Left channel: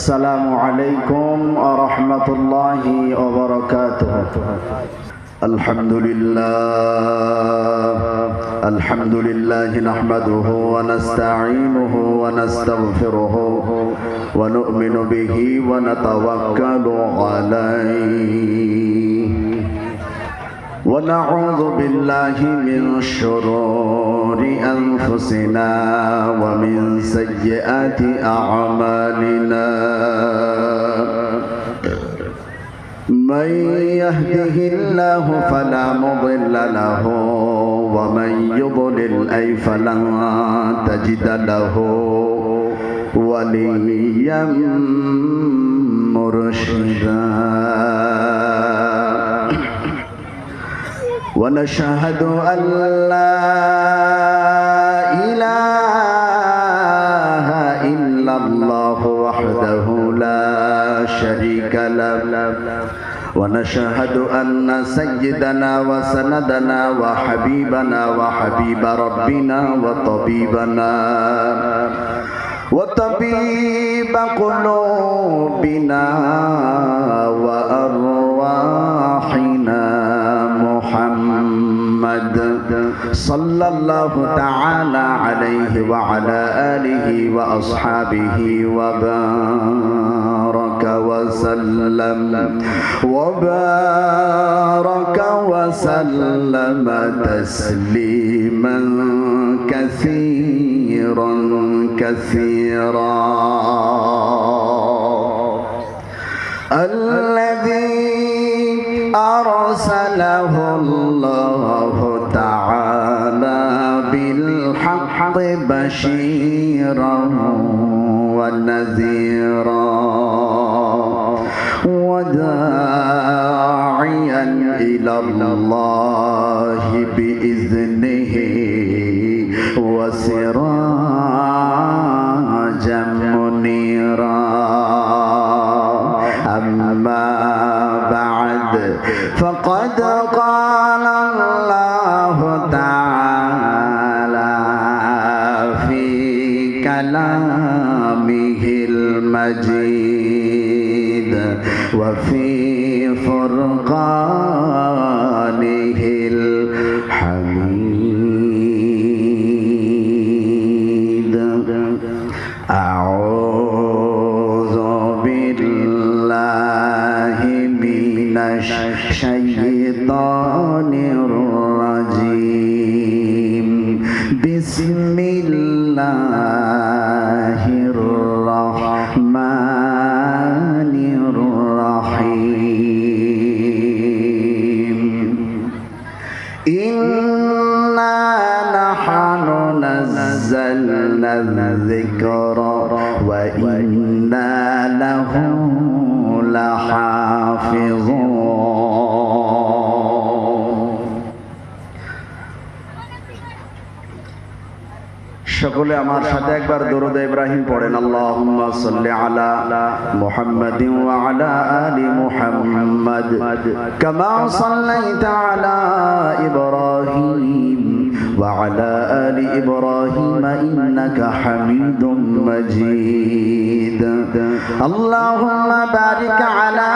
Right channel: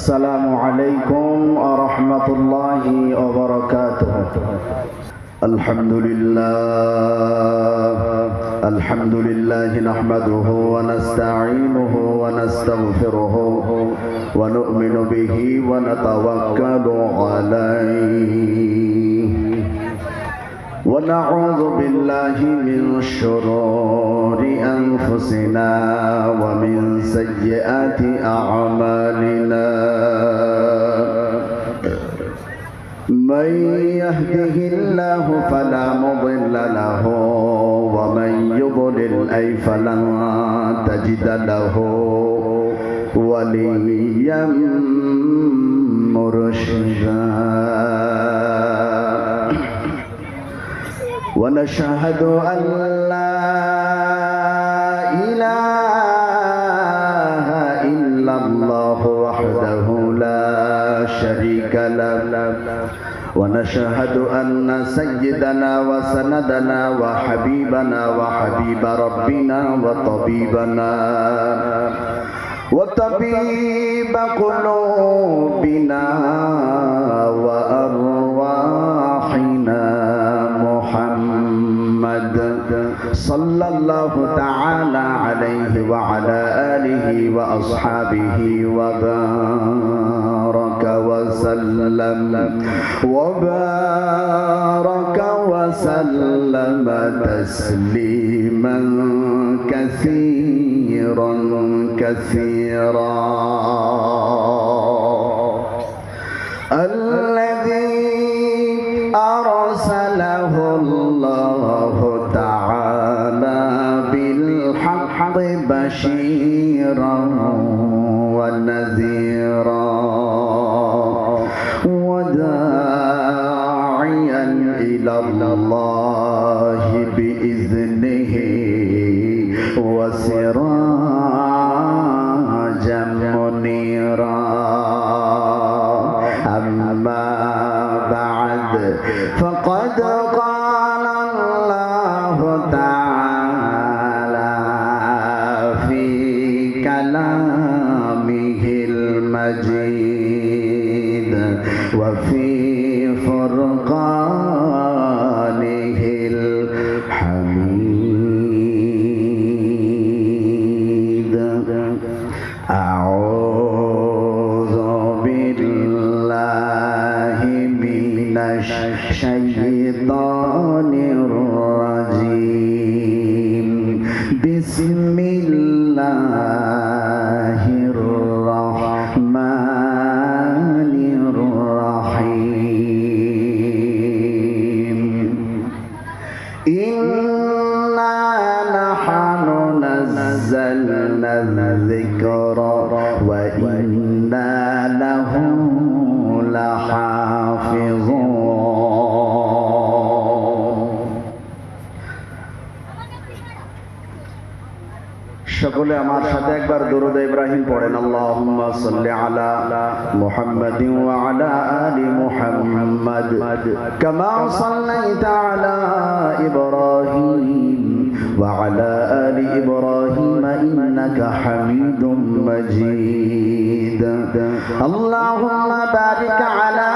السلام عليكم ورحمة الله وبركاته. الحمد لله نحمده ونستعينه ونستغفره ونؤمن به ونتوكل عليه ونعوذ بالله من شرور أنفسنا ومن سيئات أعمالنا. من يهده الله فلا مضل له ومن يضلل فلن تجد له وليا مرشدا. ونشهد أن لا إله إلا الله وحده لا شريك له. ونشهد أن سيدنا وسندنا وحبيبنا وحبيب ربنا وطبيب قلوبنا وأرواحنا محمد صلى الله تعالى عليه وعلى آله وأصحابه وبارك وسلم تسليما كثيرا الذي أرسله الله تعالى بالحق بشيرا ونذيرا وداعيا إلى الله بإذنه وسراجا منيرا. أما بعد فقد قال الله تعالى في كلامه المجيد وفي فرقانه الحميد. أعوذ بالله من الشيطان الرجيم. بسم الله الرحمن الرحيم. إنا نحن نزلنا الذكر وإنا له لحافظون. সকলে আমার সাথে একবার দরুদ ইব্রাহিম পড়েন। আল্লাহুম্মা সাল্লি আলা মুহাম্মাদিন ওয়া আলা আলি মুহাম্মাদ কামা সাল্লাইতা আলা ইব্রাহিম ওয়া আলা আলি ইব্রাহিম ইন্নাকা হামিদুম মাজিদ। আল্লাহুম্মা বারিক আলা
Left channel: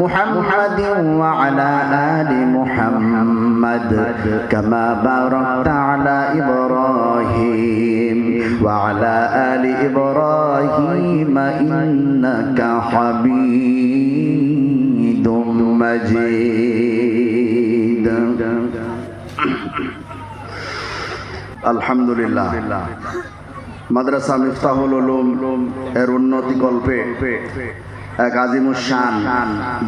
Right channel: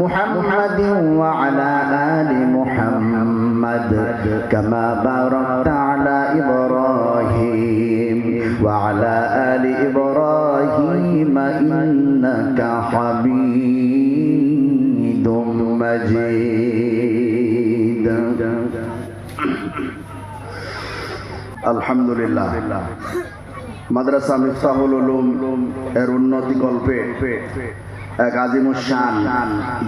মুহাম্মাদিন ওয়া আলা আলি মুহাম্মাদ কামা বারাকতা আলা ইব্রাহিম وعلى آل إبراهيم إنك حميد مجيد. الحمد لله. মাদ্রাসা মিফতাহুল উলুম এর উন্নতি কল্পে এক আজিমুশান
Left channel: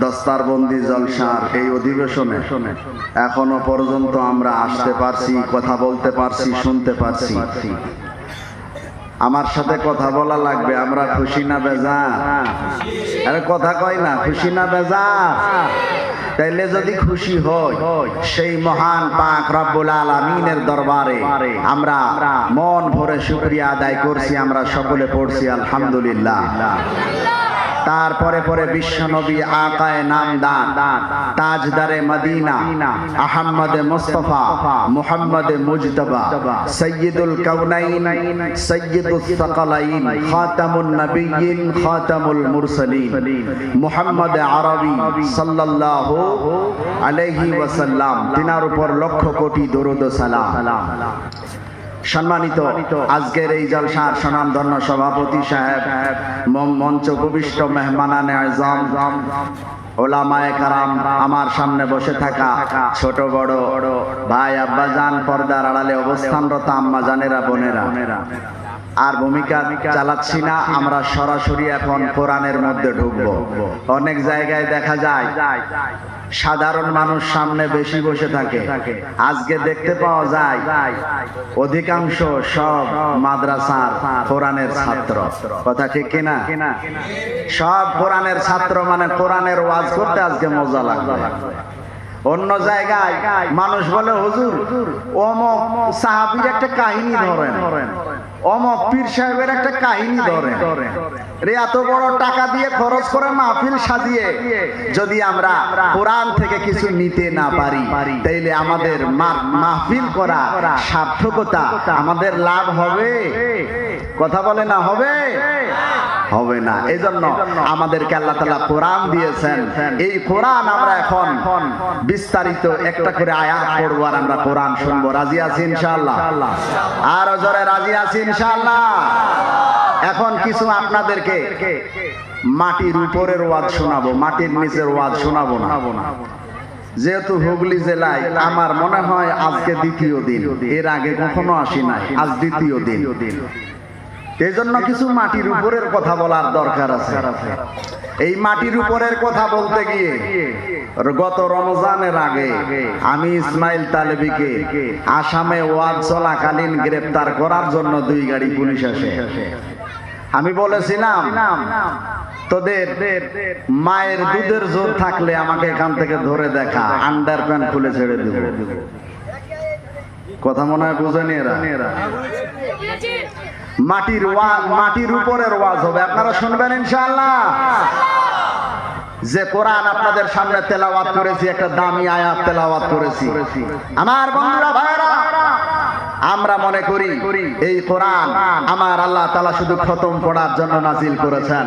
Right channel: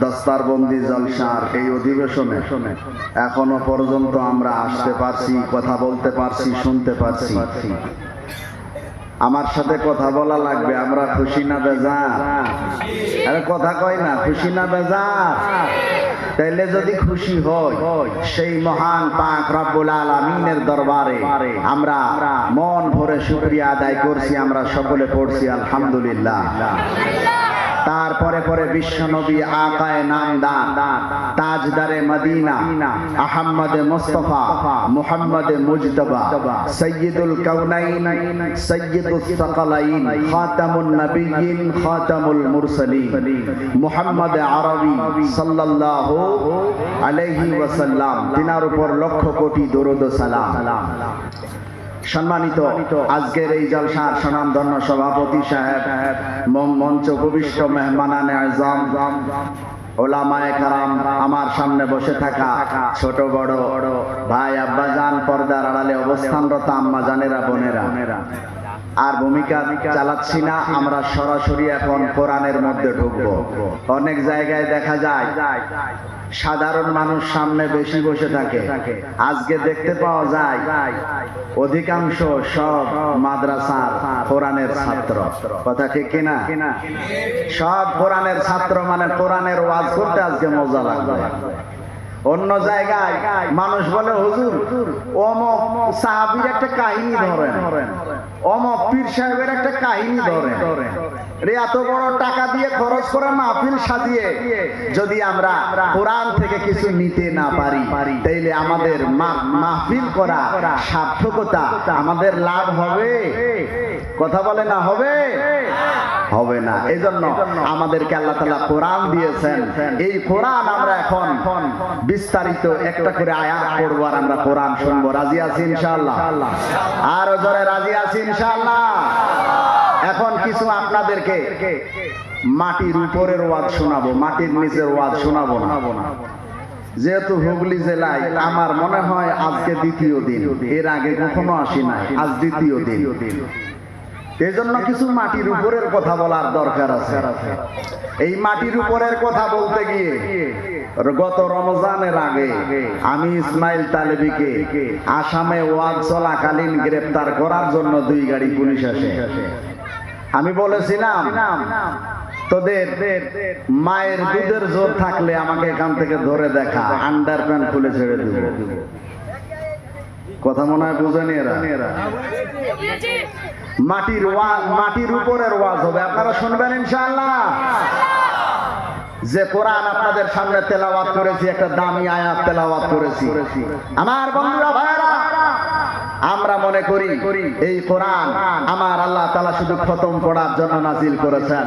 দস্তারবন্দি জলসার এই অধিবেশনে এখনো পর্যন্ত আমরা আসতে পারছি, কথা বলতে পারছি, শুনতে পারছি। আমার সাথে কথা বলা লাগবে। আমরা খুশি না বেজার? আরে কথা কয় না, খুশি না বেজার? তাইলে যদি খুশি হই সেই মহান পাক রব্বুল আলামিনের দরবারে আমরা মন ভরে শুকরিয়া আদায় করছি। আমরা সকলে পড়ছি আলহামদুলিল্লাহ। তারপরে পরে বিশ্বনবী আকায়ে নামদান তাজদারে মদিনা আহমদ মুস্তাফা মুহাম্মদ মুজতবা সৈয়দুল কাউনাইন সৈয়দুস সাকালাইন খাতামুন নবিয়্যিন খাতামুল মুরসালিন মুহাম্মদ আরবি সাল্লাল্লাহু আলাইহি ওয়াসাল্লাম তিনার উপর লক্ষ কোটি দরুদ ও সালাম। সম্মানিত আজকের এই জলসার স্বনামধন্য সভাপতি সাহেব, মঞ্চ উপবিষ্ট মেহমানানে আজম, ওলামায়ে কারাম, আমার সামনে বসে থাকা ছোট বড় ভাই আব্বাজান, পর্দার আড়ালে অবস্থানরত আম্মাজানেরা, বোনেরা, আর ভূমিকা চালাচ্ছি না, আমরা সরাসরি এখন কোরআনের মধ্যে ঢুকবো। অনেক জায়গায় দেখা যায় সাধারণ মানুষ সামনে বেশি বসে থাকে, আজকে দেখতে পাওয়া যায় অধিকাংশ সব মাদ্রাসার কোরআনের ছাত্র। কথা ঠিক কিনা? সব কোরআনের ছাত্র, মানে কোরআনের ওয়াজ করতে আজকে মজা লাগবে। অন্য জায়গায় মানুষ বলে হুজুর অমুক সাহাবীর একটা কাহিনী ধরেন, অমুক পীর সাহেবের একটা কাহিনী ধরেন, এত বড় টাকা দিয়ে খরচ করে মাহফিল সাজিয়ে যদি আমরা কোরআন থেকে কিছু নিতে না পারি, তাইলে আমাদের মাহফিল করা সার্থকতা, আমাদের লাভ হবে? কথা বলে না হবে? হবে না। এজন্য আমাদেরকে আল্লাহ তাআলা কোরআন দিয়েছেন, এই কোরআন আমরা এখন বিস্তারিত একটা করে আয়াত পড়ব আর আমরা কোরআন শুনবো। রাজি আছি ইনশাআল্লাহ? আর জোরে রাজি আছি ইনশাআল্লাহ? এখন কিছু আপনাদেরকে মাটির উপরের ওয়াজ শোনাবো, মাটির নিচের ওয়াজ শোনাবো না। যেহেতু হুগলি জেলায় আমার মনে হয় আজকে দ্বিতীয় দিন, এর আগে কখনো আসি নাই, আজ দ্বিতীয় দিন, এই জন্য কিছু মাটির উপরের কথা বলার দরকার আছে। এই মাটির উপরের কথা বলতে গিয়ে গত রমজানের আগে আমি ইসমাইল তালেবীকে আসামে ওয়াজ চলাকালীন গ্রেফতার করার জন্য 2 গাড়ি পুলিশ আসে। আমি বলেছিলাম তোদের মায়ের দুধের জোর থাকলে আমাকে এখান থেকে ধরে দেখা, আন্ডার প্যান্ট খুলে ছেড়ে দিব। কথা মনে হয় বুঝেনি এরা? মাটির উপরের ওয়াজ হবে, আপনারা শুনবেন ইনশাআল্লাহ। যে কোরআন আপনাদের সামনে তেলাওয়াত করেছি, একটা দামি আয়াত তেলাওয়াত করেছি। আমার বন্ধুরা, ভাইরা, আমরা মনে করি এই কোরআন আমার আল্লাহ তাআলা শুধু খতম পড়ার জন্য নাজিল করেছেন।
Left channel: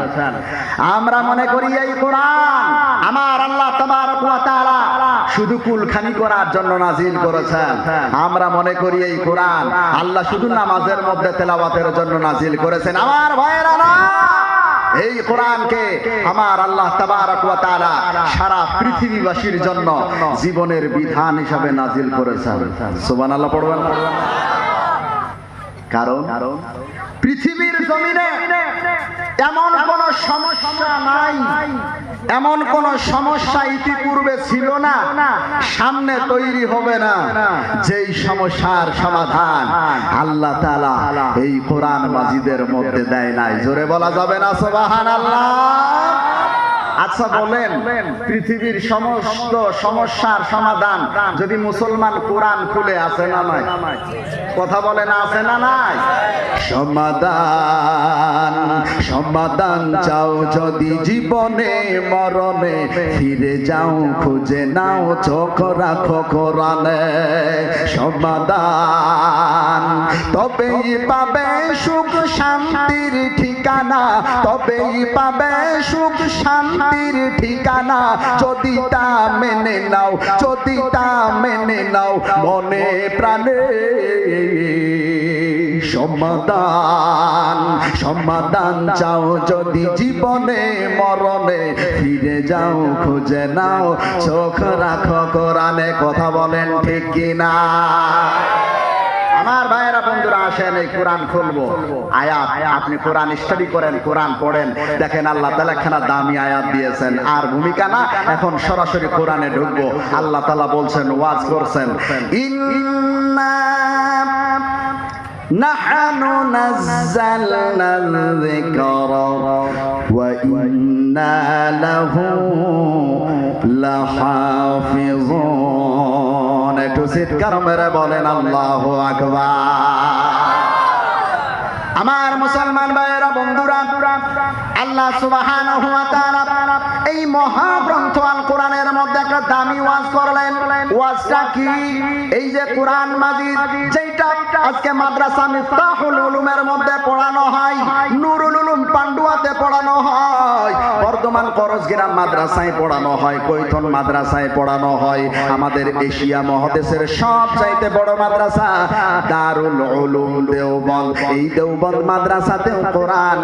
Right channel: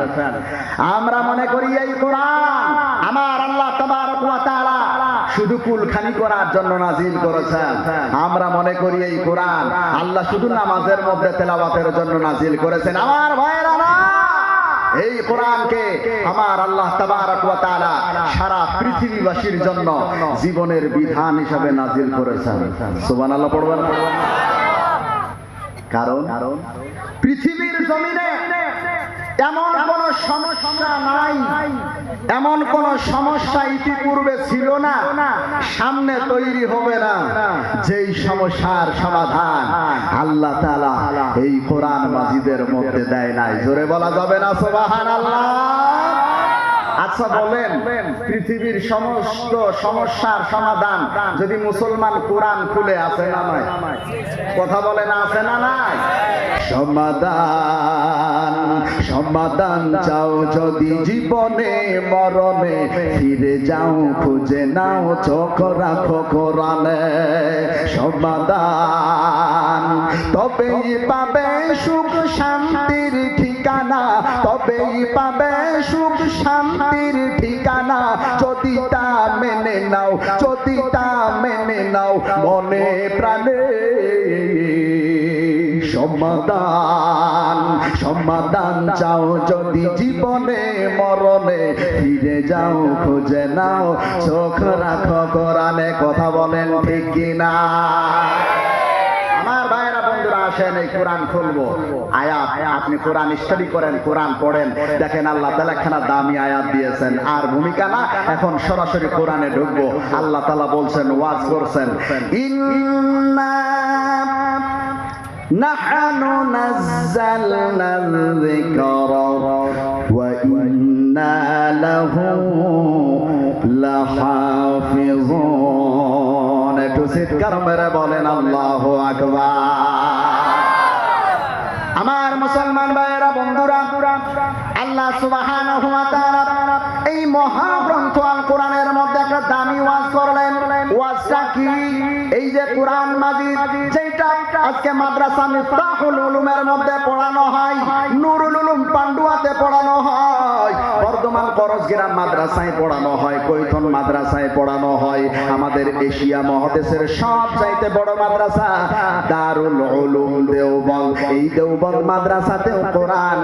আমরা মনে করি এই কোরআন আমার আল্লাহ তাবারক ওয়া তাআলা শুধু কুলখানি করার জন্য নাজিল করেছেন। আমরা মনে করি এই কোরআন আল্লাহ শুধু নামাজের মধ্যে তেলাওয়াতের জন্য নাজিল করেছেন। আমার ভাইরা, এই কোরআনকে আমার আল্লাহ তাবারক ওয়া তাআলা সারা পৃথিবীবাসীর জন্য জীবনের বিধান হিসাবে নাজিল করেছেন। সুবহানাল্লাহ পড়বেন। কারণ পৃথিবীর জমিনে এমন কোন সমস্যা নাই, এমন কোন সমস্যা ইতিপূর্বে ছিল না, সামনে তৈরি হবে না, যেই সমস্যার সমাধান আল্লাহ তাআলা এই কোরআন মাজিদের মধ্যে দেয় নাই। জোরে বলা যাবে না সুবহানাল্লাহ? আচ্ছা বলেন, পৃথিবীর সমস্ত সমস্যার সমাধান যদি মুসলমান কোরআন খুলে, আছে না নাই? কথা বলেন, আছে না নাই? সমাধান চাও যদি জীবনে মরণে, ফিরে যাও খুঁজে নাও, চোখ রাখো কোরআনে। সমাধান তবেই পাবে সুখ শান্তির ঠিকানা, তবেই পাবে সুখ শান্তির ঠিকানা, যদি তা মেনে নাও, যদি তা মেনে নাও মনে প্রাণে। সমাধান চাও যদি জীবনে মরণে, ফিরে যাও খুঁজে নাও, চোখ রাখো কোরআনে। কথা বলেন ঠিক কিনা? আমার ভাইয়েরা, বন্ধুরা, আসেন এই কোরআন খুলবো। আয়াত আপনি কোরআন স্টাডি করেন, কোরআন পড়েন, দেখেন আল্লাহ তাআলা খানা দামি আয়াত দিয়েছেন। আর ভূমিকা না, এখন সরাসরি কোরআনে ঢুকবো। আল্লাহ তাআলা বলছেন, ওয়াজ করছেন, ইন্না নাহনু নাযালনাল যিকরা ওয়া ইন্না লাহু লাহাফিজুন। একটু চিৎকার মেরে বলেন আল্লাহু আকবার। আমার মুসলমান ভাইয়েরা, বন্ধুরা, আল্লাহ সুবহানাহু ওয়া তাআলা এই মহাগ্রন্থ আল কোরআনের মধ্যে একটা দামি ওয়াজ করলেন। ওয়াজটা কি? এই যে কোরআন মাজিদ যেটা আজকে মাদ্রাসা মিফতাহুল উলুমের মধ্যে পড়ানো হয়, নুরুল উলুম পান্ডুয়াতে পড়ানো হয়, বর্ধমান করজগ্রাম মাদ্রাসায় পড়ানো হয়, কৈথন মাদ্রাসায় পড়ানো হয়, আমাদের এশিয়া মহাদেশের সবচাইতে বড় মাদ্রাসা দারুল উলুম দেওবন্দ, এই দেওবন্দ মাদ্রাসাতেও কোরআন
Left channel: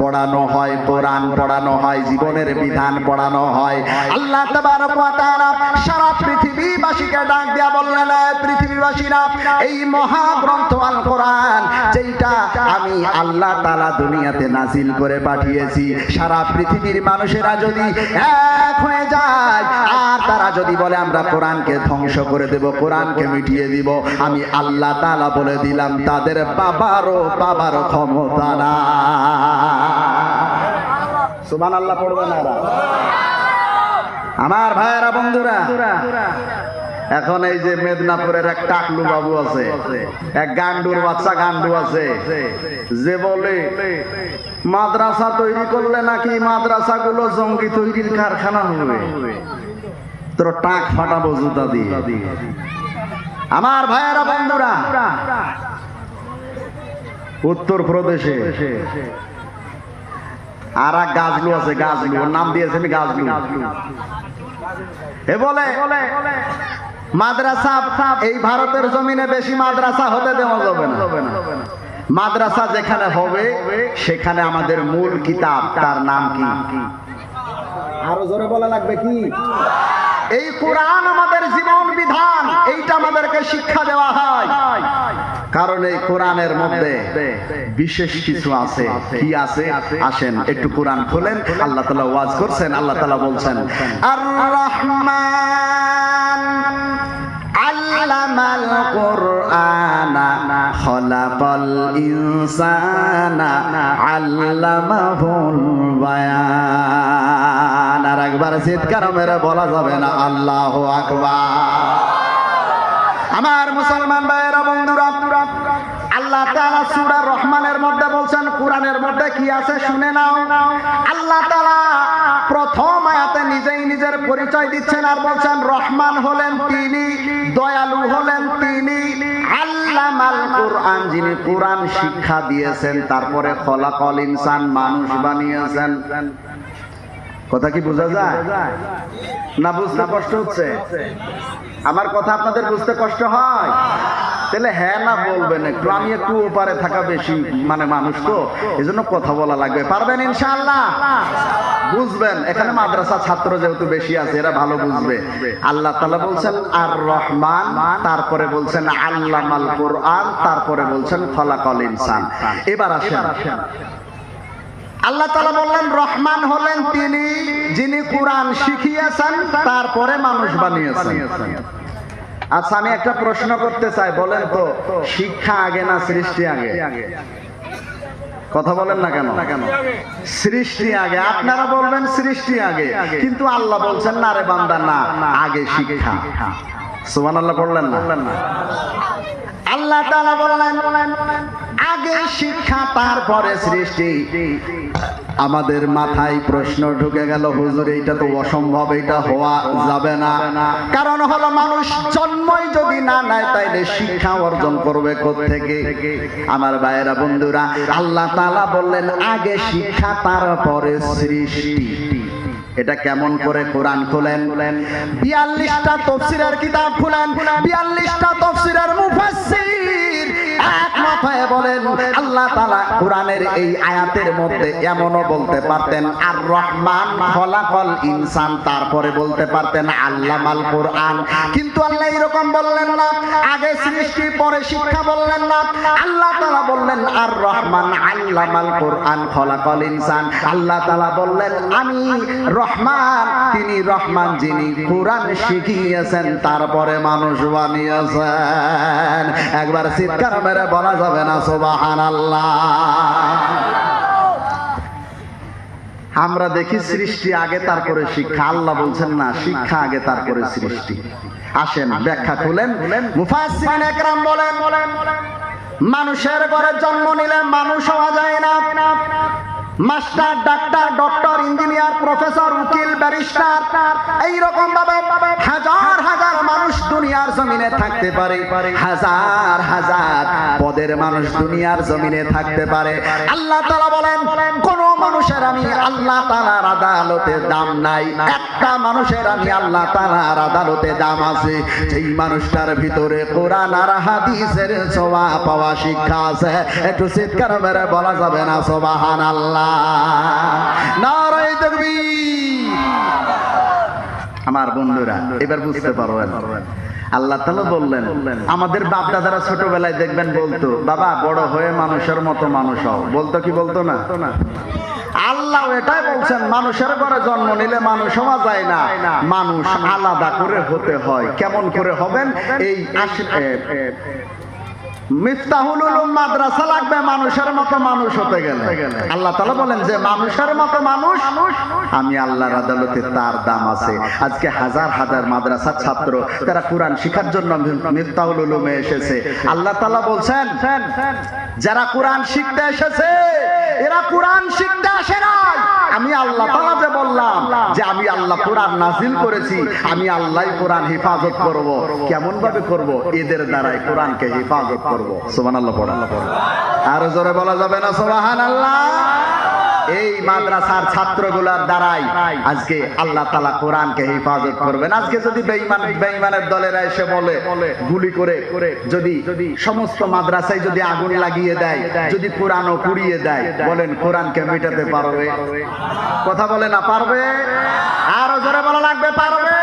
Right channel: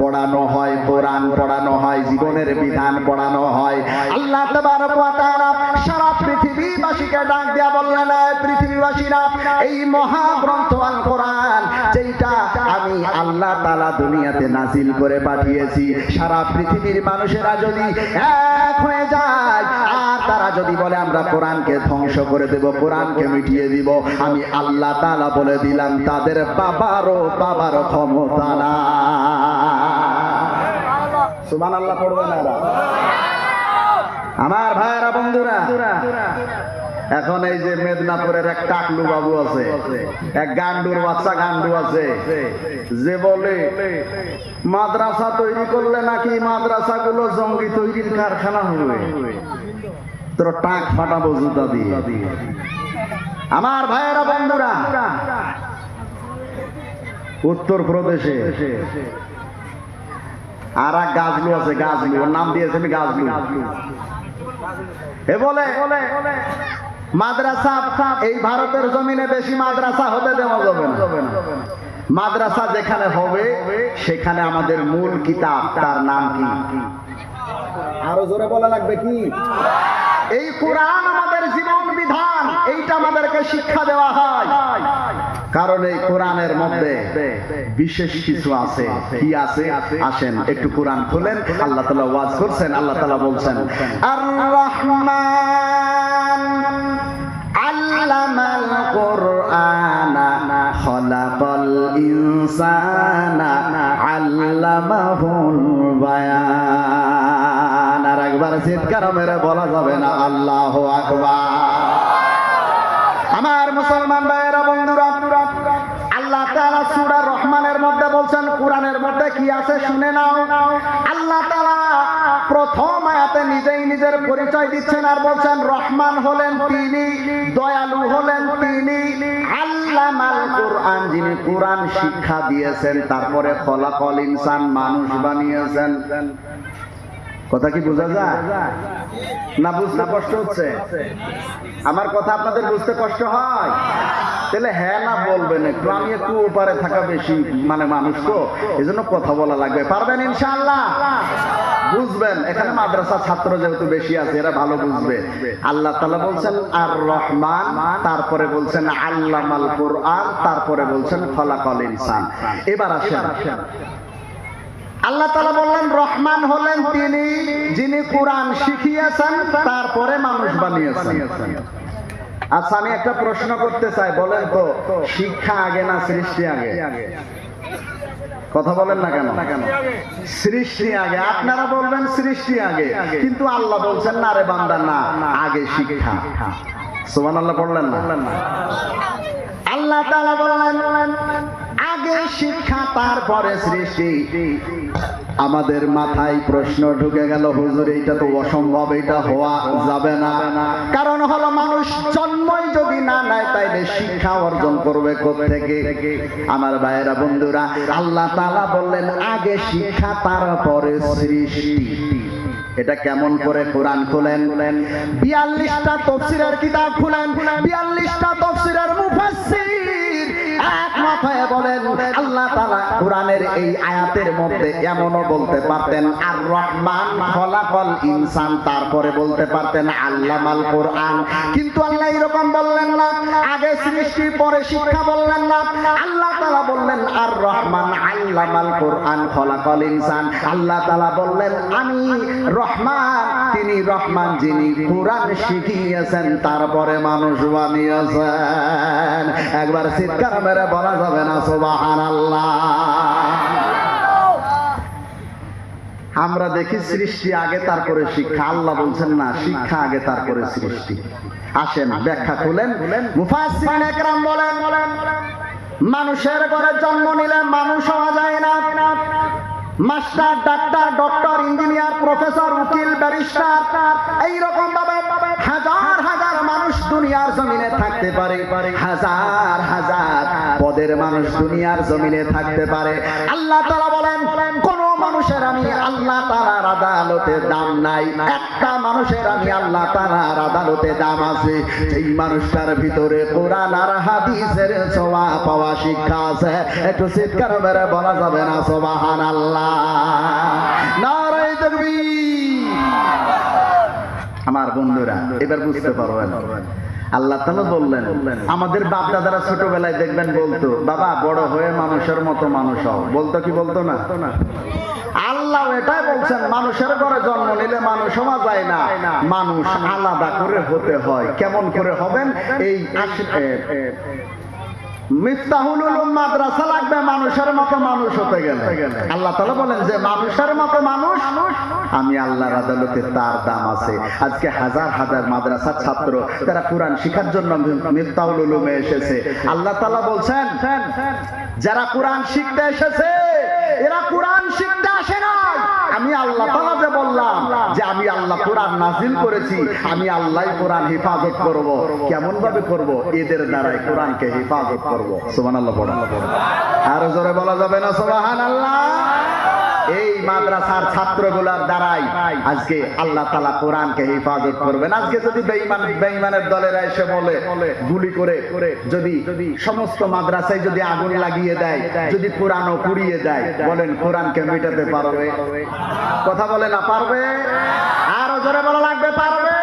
পড়ানো হয়, কোরআন পড়ানো হয়, জীবনের বিধান পড়ানো হয়। আল্লাহ তাবারক ওয়া তাআলা সারা পৃথিবীবাসীকে ডাক দিয়া বললেন, পৃথিবীবাসীরা, এই মহাগ্রন্থ আল কোরআন যেটা আমি আল্লাহ তাআলা দুনিয়াতে নাজিল করে পাঠিয়েছি, সারা পৃথিবীর মানুষেরা যদি এক হয়ে যায় আর তারা যদি বলে আমরা কোরআনকে ধ্বংস করে দেব, কোরআনকে মিটিয়ে দিব, আমি আল্লাহ তাআলা বলে দিলাম তাদের বাবারও ক্ষমতা না। সুবহানাল্লাহ পড়বেন না আমার ভাইয়েরা, বন্ধুরা। এখন এই যে মেদিনীপুরের এক টাকলু বাবু আছে, এক গান্ডুর বাচ্চা গান্ডু আছে, যে বলে মাদ্রাসা তৈরি করলে নাকি মাদ্রাসাগুলো জঙ্গি তৈরির কারখানা হবে, তোর টাক ফাটাবো জুতা দিয়ে। আমার ভাইয়েরা, বন্ধুরা, উত্তর প্রদেশে আর এক গাজলু আছে, গাজলু, ওর নাম দিয়েছেন গাজলু। এ বলে মাদ্রাসা এই ভারতের জমিনে বেশি মাদ্রাসা হতে দেওয়া যাবে না, মাদ্রাসা যেখানে হবে সেখানে আমাদের মূল কিতাব, তার নাম কি? আরো জোরে বলা লাগবে কি? এই কোরআন আমাদের জীবন বিধান, এইটা আমাদেরকে শিক্ষা দেওয়া হয়। কারণ এই কোরআনের মধ্যে বিশেষ কিছু আছে। কি আছে? আসেন একটু কোরআন খোলেন। আল্লাহ তাআলা ওয়াজ করছেন, আল্লাহ তাআলা বলছেন, আর রহমান আল্লামাল কোরআনা খলাকাল ইনসানা আল্লামাহুল বায়ান। আর একবার চিৎকার মেরে বলা যাবে না আল্লাহু আকবার? আমার মুসলমান ভাইয়েরা, বন্ধুরা, আল্লাহ তাআলা সূরা রহমানের মধ্যে বলছেন, কোরআনের মধ্যে কি আছে শুনে নাও। আল্লাহ তাআলা প্রথম আয়াতে নিজেই নিজের পরিচয় দিচ্ছেন আর বলছেন রহমান হলেন তিনি, দয়ালু হলেন তিনি, আল্লামাল কোরআন যিনি কোরআন শিক্ষা দিয়েছেন, তারপরে খলাকাল ইনসান মানুষ বানিয়েছেন। কথা কি বোঝা যায় না? বুঝতে কষ্ট হচ্ছে? আমার কথা আপনাদের বুঝতে কষ্ট হয়? তাহলে হ্যাঁ না বলবেন একটু। আমি একটু ওপারে থাকা বেশি মানে মানুষ তো, এজন্য কথা বলা লাগবে। পারবেন ইনশাআল্লাহ? বুঝবেন? এখানে মাদ্রাসা ছাত্র যেহেতু বেশি আছে, এরা ভালো বুঝবে। আল্লাহ তাআলা বলছেন আর রহমান, তারপরে বলছেন আল্লামাল কোরআন, তারপরে বলছেন খলাকাল ইনসান। এবার আসেন, আল্লাহ তাআলা বললেন রহমান হলেন তিনি যিনি কোরআন শিখিয়েছেন, তারপরে মানুষ বানিয়েছেন। আচ্ছা, আমি একটা প্রশ্ন করতে চাই, বলেন তো শিক্ষা আগে না সৃষ্টি আগে? কথা বলেন না কেন? সৃষ্টি আগে। আপনারা বলবেন সৃষ্টি আগে, কিন্তু আল্লাহ বলছেন না রে বান্দা, না, আগে শিক্ষা। সুবহানাল্লাহ পড়লেন না? আল্লাহ তাআলা বললেন আগে শিক্ষা তারপরে সৃষ্টি। আমাদের মাথায় প্রশ্ন ঢুকে গেল, হুজুর এইটা তো অসম্ভব, এটা হওয়া যাবে না। কারণ হলো মানুষ জন্মই যদি না নেয় তাইলে শিক্ষা অর্জন করবে কোত্থেকে? আমার ভাইয়েরা, বন্ধুরা, আল্লাহ তাআলা বললেন আগে শিক্ষা তারপরে সৃষ্টি। এটা কেমন করে? কোরআন খোলেন, 42টা তাফসীরের কিতাব খোলেন, 42টা তাফসীরের মুফাসসির একমত হয়ে বলেন আল্লাহ তাআলা কোরআনের এই আয়াতের মধ্যে এমনও বলতে পারতেন আর রহমান খলাকাল ইনসান, তারপরে বলতে পারতেন আল্লামাল কোরআন, কিন্তু আল্লাহ এরকম বললেন না। আগে সৃষ্টি পরে শিক্ষা বললেন না। আল্লাহ তাআলা বললেন আর রহমান আল্লামাল কোরআন খলাকাল ইনসান। আল্লাহ তাআলা বললেন আমি রহমান, তিনি রহমান যিনি কোরআন শিখিয়েছেন, তারপরে মানুষ বানিয়েছেন। একবার চিৎকার মেরে বলা যাবে না সুবহানাল্লাহ? আমরা দেখি সৃষ্টি আগে তারপরে শিক্ষা, আল্লাহ বলছেন না, শিক্ষা আগে তারপরে সৃষ্টি। আসেন ব্যাখ্যা খুলেন। মুফাসসিরিন একরাম বলেন মানুষের ঘরে জন্ম নিলে মানুষ হওয়া যায় না। Master, doctor, doctor, engineer, professor, উকিল, ব্যারিস্টার, এইরকম ভাবে হাজার হাজার মানুষ দুনিয়ার জমিনে থাকতে পারে, হাজার হাজার পদের মানুষ দুনিয়ার জমিনে থাকতে পারে। আল্লাহ তাআলা বলেন কোন মানুষের আমি আল্লাহ তাআলার আদালতে দাম নাই, একটা মানুষের আমি আল্লাহ তাআলার আদালতে দাম আছে, যেই মানুষটার ভিতরে কোরআন আর হাদিসের ছোঁয়া পাওয়া শিক্ষা আছে। একটু চিৎকার মেরে বলা যাবে না সুবহানাল্লাহ? নারায়ে তাকবীর। আমার বন্ধুরা এবার বুঝতে পারবেন আল্লাহ তাআলা বললেন আমাদের বাপ দাদারা ছোটবেলায় দেখবেন বলতো, বাবা বড় হয়ে মানুষের মতো মানুষ হও। বলতো কি বলতো না? আল্লাহ এটাই বলছেন মানুষের ঘরে জন্ম নিলে মানুষ হওয়া যায় না, মানুষ আলাদা করে হতে হয়। কেমন করে হবেন? এই মিফতাহুল উলুম মাদ্রাসা লাগবে মানুষের মতো মানুষ হতে গেলে। আল্লাহ তাআলা বলেন যে মানুষের মতো মানুষ আমি আল্লাহর আদালতে তার দাম আছে। আজকে হাজার হাজার মাদ্রাসার ছাত্র তারা কোরআন শিখার জন্য মিফতাহুল উলুমে এসেছে। আল্লাহ তাআলা বলছেন যারা কোরআন শিখতে এসেছে এরা কোরআন শিখতে আসে না। আমি আল্লাহ তাআলা যে বললাম যে আমি আল্লাহ কোরআন নাযিল করেছি, আমি আল্লাহই কোরআন হেফাজত করব। কেমন ভাবে করব? এদের দ্বারাই কোরআনকে হেফাজত করব। সুবহানাল্লাহ পড়ুন। আর জোরে বলা যাবে না সুবহানাল্লাহ? এই মাদ্রাসার ছাত্রগুলোর দ্বারাই আজকে আল্লাহ তাআলা কোরআনকে হেফাজত করবেন। আজকে যদি বেঈমানের দলেরা এসে বলে গুলি করে যদি সমস্ত মাদ্রাসায় যদি আগুন লাগিয়ে দেয়, যদি কোরআনও পুড়িয়ে দেয়, বলেন কোরআনকে মেটাতে পারবে? কথা বলে না পারবে? আরো জোরে বলা লাগবে পারবে?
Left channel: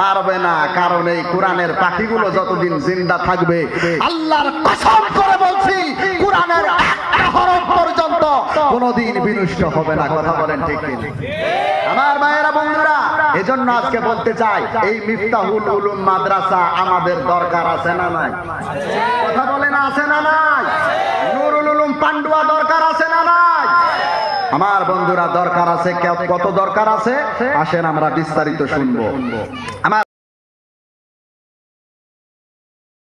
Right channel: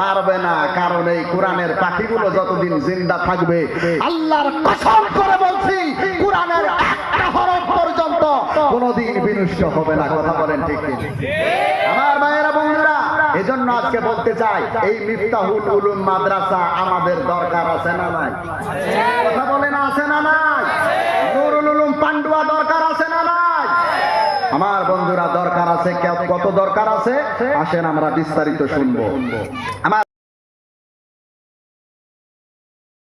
পারবে না। কারণ এই কোরআনের পাখিগুলো যতদিন জিন্দা থাকবে আল্লাহর কসম করে বলছি কোরআনের একটা হরফ পর্যন্ত কোনদিন বিনষ্ট হবে না। কথা বলেন ঠিক কি? আমার ভাইয়েরা বন্ধুরা, এজন্য আজকে বলতে চাই এই মিফতাহুল উলুম মাদ্রাসা আমাদের দরকার আছে না নাই? কথা বলেন আছে না নাই? নুরুল উলুম পান্ডুয়া দরকার আছে না নাই? আমার বন্ধুরা দরকার আছে। কত দরকার আছে? আসেন আমরা বিস্তারিত শুনবো। আমার